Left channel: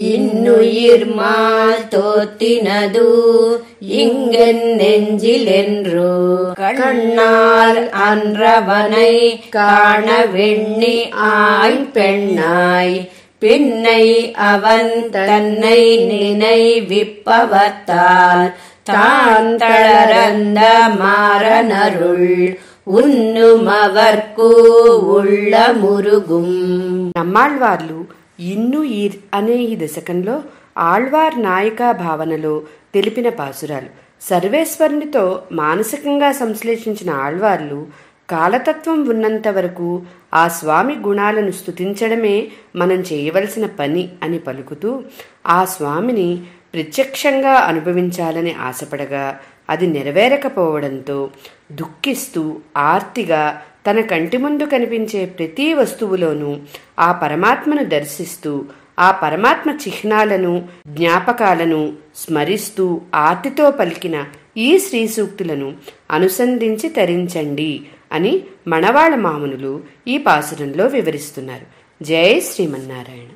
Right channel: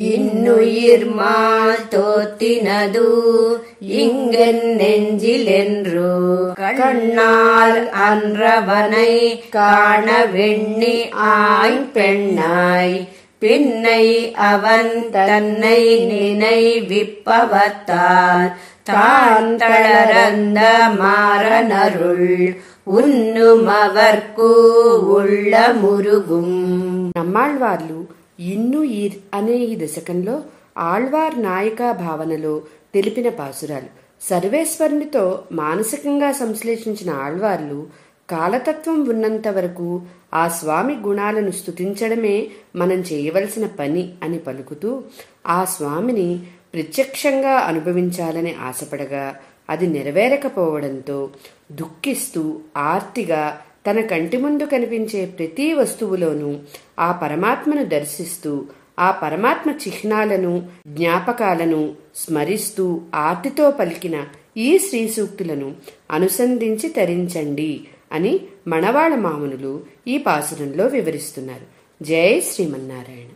இன்னுயிர்மால் தோத்தினது இங்கென் நெஞ்சிலென்று கண்ணால் அன்றவனை காண வெண்ணி ஆய் பெண்ணாய் பின்னை அவன் தன்னை நினைவிப்பவத்தால் தான் தளரந்த மாறனருள் ఉన్నుమవర్కు ఉళ్ళ మురుగుం. నమ్మాళ్వార్లు ఇన్నుయిర్ అనే ఈ దశకంలో ఆళ్వార్ నాయికా భావనలో తెలిపిన పాసురాలు. సర్వేశ్వరునితో మానసికంగా సంశ్లేషించిన ఆళ్వార్లు కాలతత్వం ఉన్నంత వరకు ఆ స్వామి గుణాలను స్తుతించడమే మనం చేయవలసిన పని అని పలుకుతూ ఆ స్వామిని ప్రత్యక్షంగా అనుభవించాలని ఆశపడగా అది నెరవేరకపోవడంతో దుఃఖిస్తూ ఆర్తిగా తన కంటి ముందు కనిపించే ప్రతి వస్తువులోనూ ఆ పరమాత్మను దర్శిస్తూ ఆ పరమాత్మ చిహ్నాలను జ్ఞాపకాలను స్మరిస్తూ ఆర్తితో పలికిన ఈ శ్రీ సూక్తులను అనుసంధించి తరించండి అని మణవాళ మామునులు ఈ పాసురంలో వివరిస్తున్నారు. జై శ్రీమన్నారాయణ.